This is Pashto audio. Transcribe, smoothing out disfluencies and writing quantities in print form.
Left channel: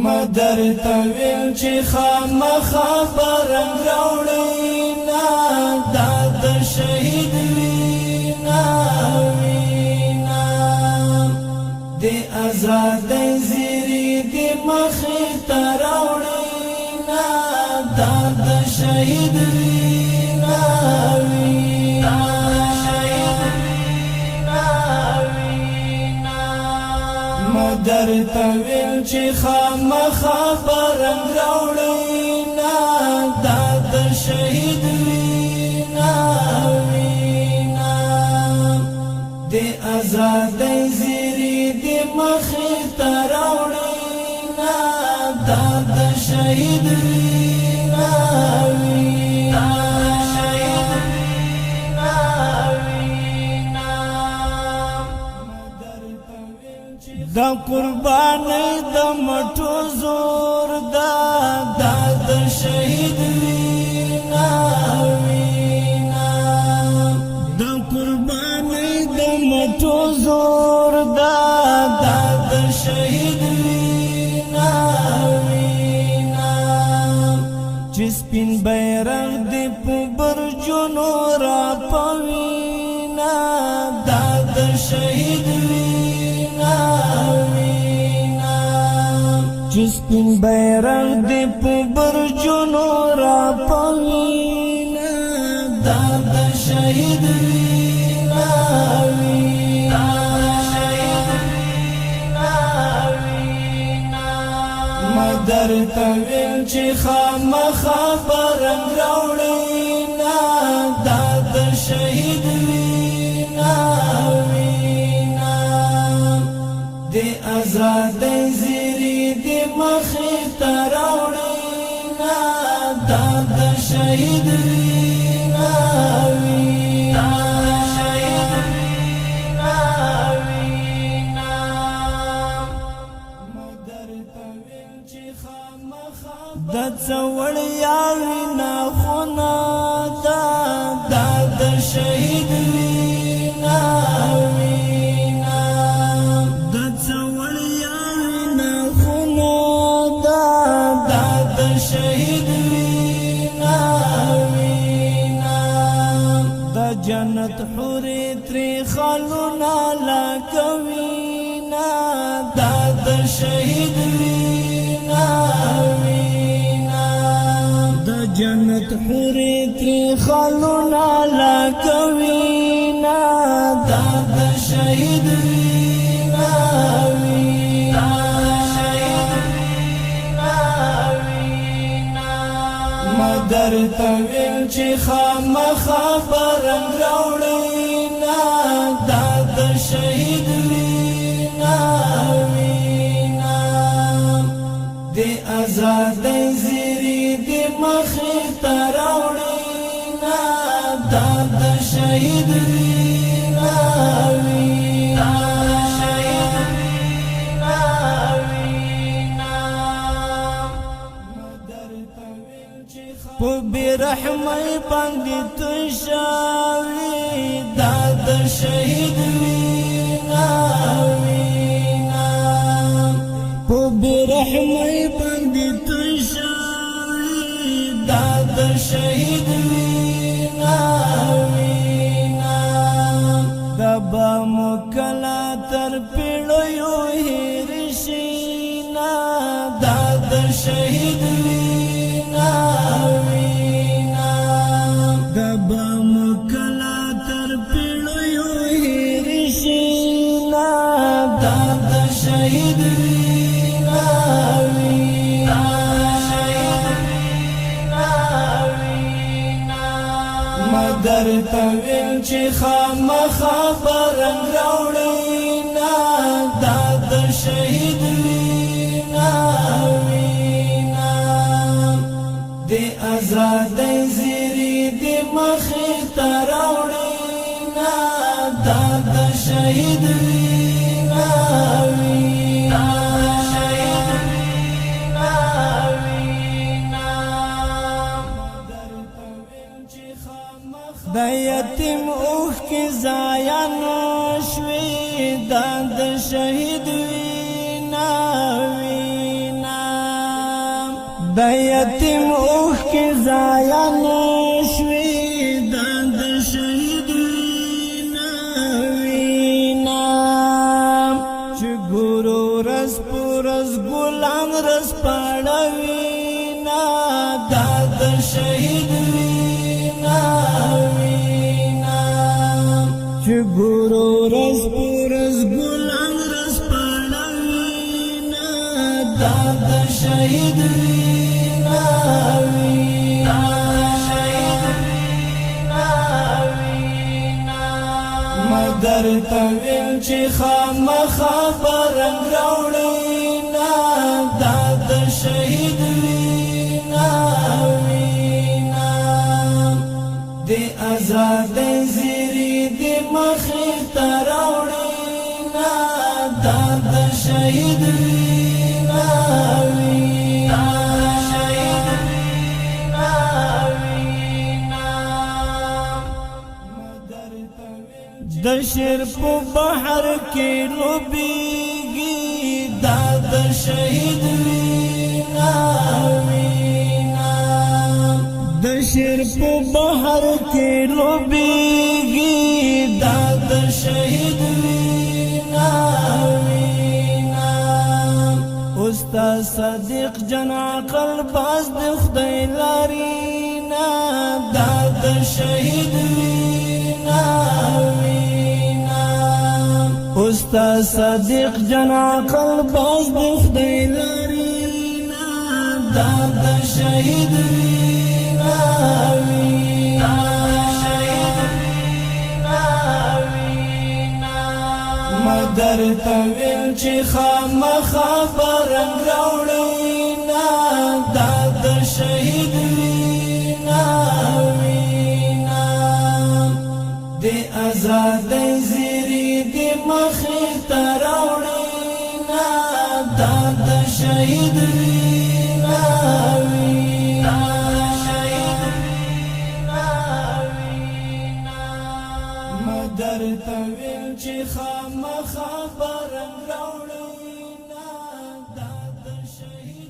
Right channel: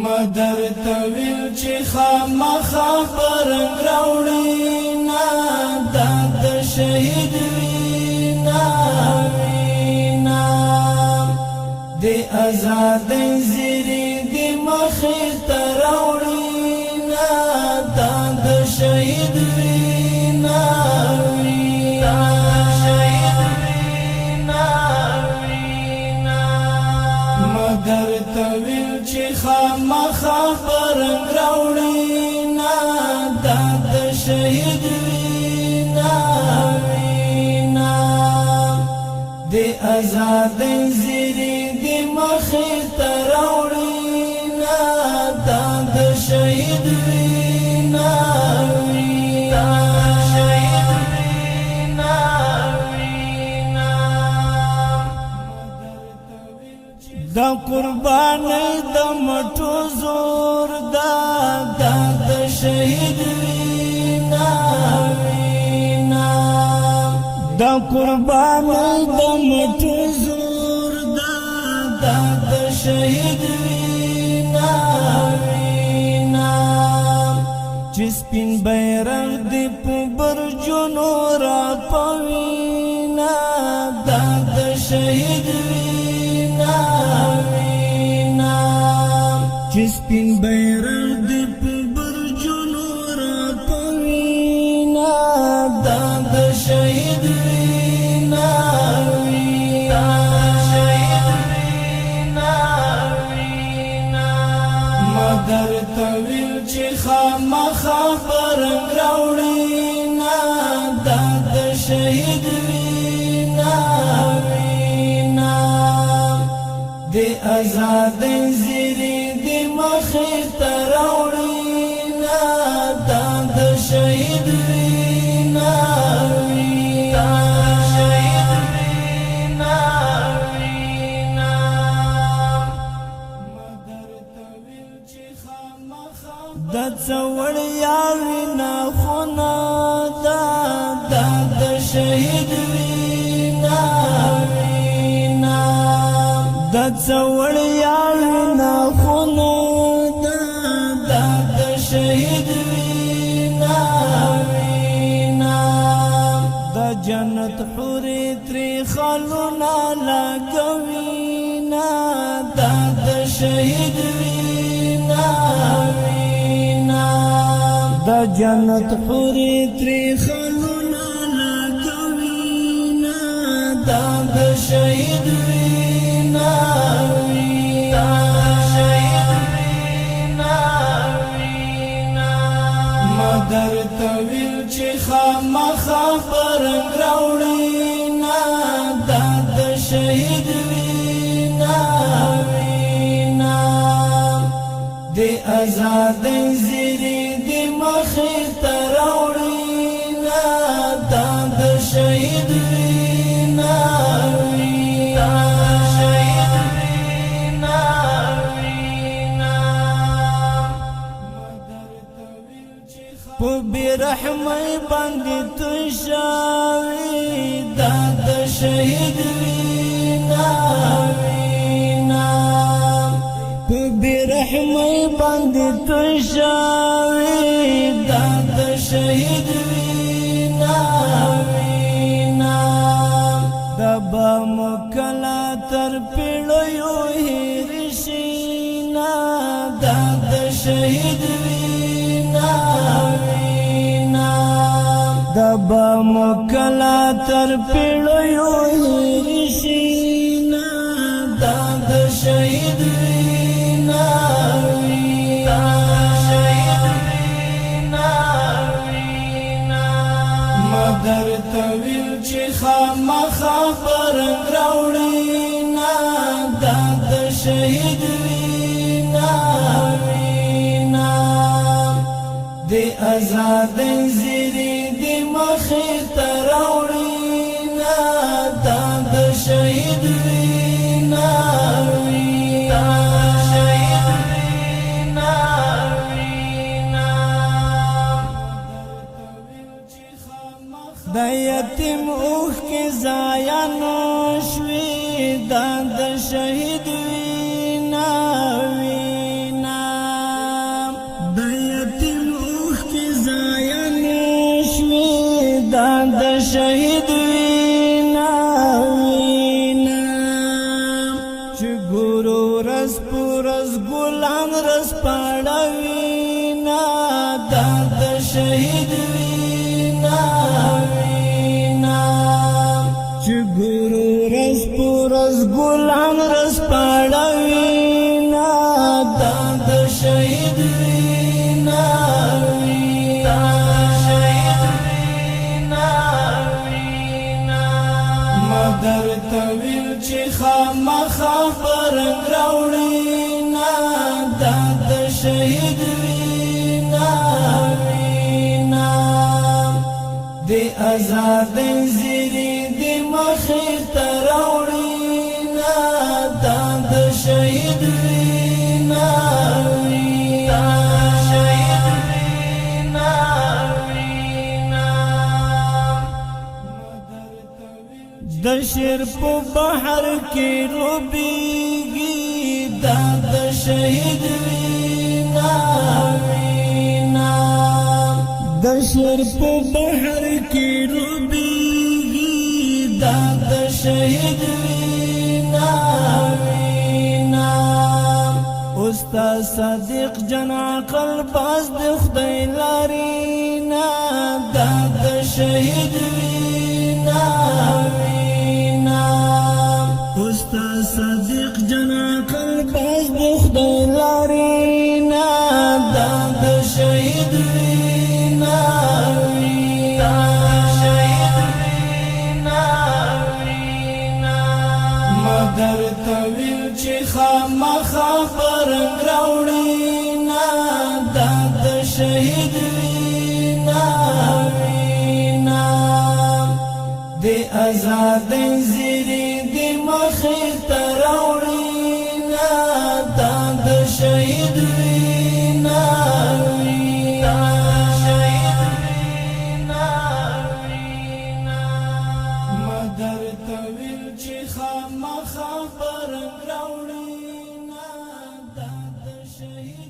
مدر تویل چی خامخا برنگ راوڑینا داد شهید وینا وینا دی ازادی زیری دی مخیخ راوڑینا داد شهید وینا وینا مدر تویل چی خامخا برنگ راوڑینا داد شهید وینا وینا دی ازادی زیری دی مخیخ راوڑینا داد شهید وینا وینا دا قربانی دا مټو زور دا شهید وینا وینا دا قربانی دا مټو زور دا شهید وینا وینا چې سپین بیرغ دی په برجونو را پوینا دا شهید وینا وینا چې سپین بیرغ دی په برجونو را پوینا دا شهید وینا وینا مدر تویل چې خامخا برنگ راوړینا دا شهید وینا وینا دی ازادی زیری دی مخیخ راوڑینا داد شهید وینا وینا دا څوړیا وینا خونا دا شهید وینا وینا دا څوړیا وینا خونا دا شهید وینا وینا دا جنت حوری تری خالونا لګوینا دا شهید وینا وینا دا جنت حوری تری خالونا لګوینا دا شهید وینا وینا مدر تویل چې خامخا برنگ راوړینا دا شهید وینا وینا دی ازادی زیری دی مخیخ راوړینا دا شهید وینا وینا په بیرحمی باندې تشاوی دا شهید وینا وینا په بیرحمی باندې تشاوی دا شهید وینا وینا دا با مکلا تر پیړیو هیر شینا دا شهید وینا وینا دا با مکلا تر پیړیو هیر شینا دا شهید وینا وینا مدر تویل چې خامخا برنگ راوړینا دا شهید وینا وینا دی ازادی زیری دی مخیخ راوړینا دا شهید وینا وینا دا یتیم اوخ کی ضایع نشوی دا شهید وینا وینا رس پاړوینا دا د شهید وینا وینا چې ګورو رس پورس ګلان رس پاړوینا دا د شهید وینا وینا شهید وینا وینا مدر تویل چې خامخا برنګ راوړینا دا د شهید وینا وینا د آزاد زیری د مخې ته راوړینا دا د شهید وینا وینا شهید وینا وینا د شیر په بحر کې لوبیږي دا د شهید وینا وینا د شیر په بحر کې لوبیږي دا د شهید وینا وینا استاد صدیق جان عقل باز د خدای لارینا دا د شهید وینا وینا استاد صدیق جان عقل باز د خدای لارینا دا د شهید وینا وینا شهید وینا وینا مدر تویل چې خامخا برنګ راوړینا دا د شهید وینا وینا د آزاد زیری د مخې ته راوړینا دا د شهید وینا وینا شهید وینا وینا مدر تویل چې خامخا برنګ راوړینا دا د شهید